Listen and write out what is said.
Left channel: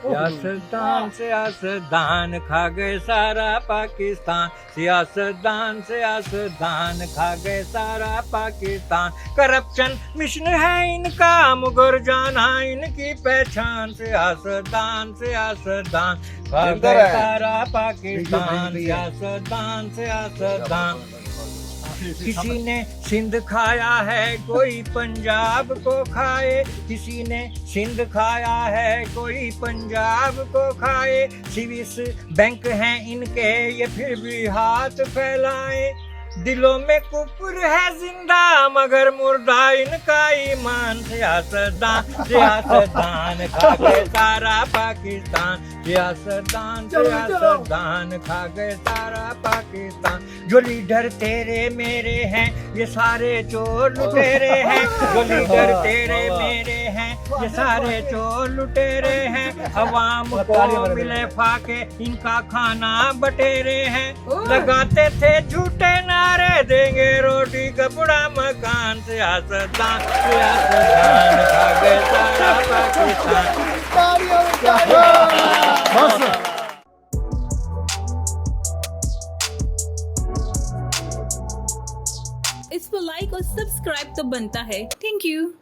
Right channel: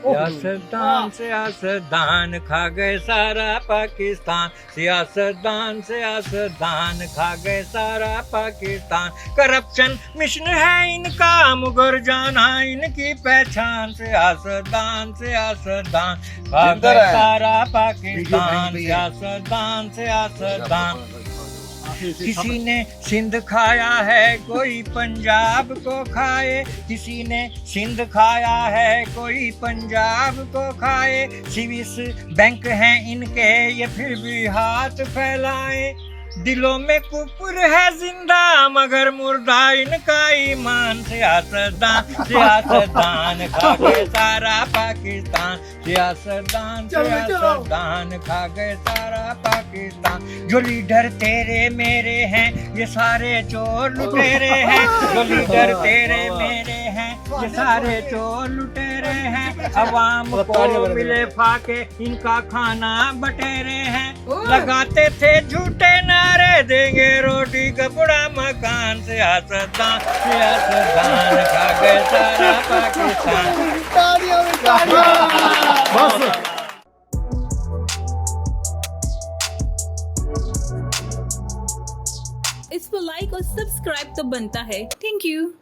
सियासतदान सियासतदान खा गए सारा पाकिस्तान, सियासतदान सियासतदान खा गए सारा पाकिस्तान। करप्शन मिशन है इनका, मगर जाना इनकी पहचान। सियासतदान सियासतदान खा गए सारा पाकिस्तान, सियासतदान सियासतदान। किसी ने सिंध खाया है, कोई पंजाब को खाए। किसी ने सिंध खाया है, कोई पंजाब को खाए। स्विस बैंक हैं इनके, ये फिर भी हाथ फैलाए। दिलों में कुफर है जिंदा, मगर मुर्दा इनका ईमान। सियासतदान सियासतदान खा गए सारा पाकिस्तान, सियासतदान सियासतदान खा गए सारा पाकिस्तान। जो लीडर तेरे मेरे हैं, ये सारे चोर लुटेरे हैं। जो लीडर तेरे मेरे हैं, ये सारे चोर लुटेरे हैं। अवाम को मिले फाके, इनका खाना बटेरे हैं। लगाते थे झूठे नारे, देंगे रोटी कपड़ा मकान। सियासतदान सियासतदान खा गए सारा पाकिस्तान। बस इस पर लाइक और सब्सक्राइब तो बनता है। Thank you.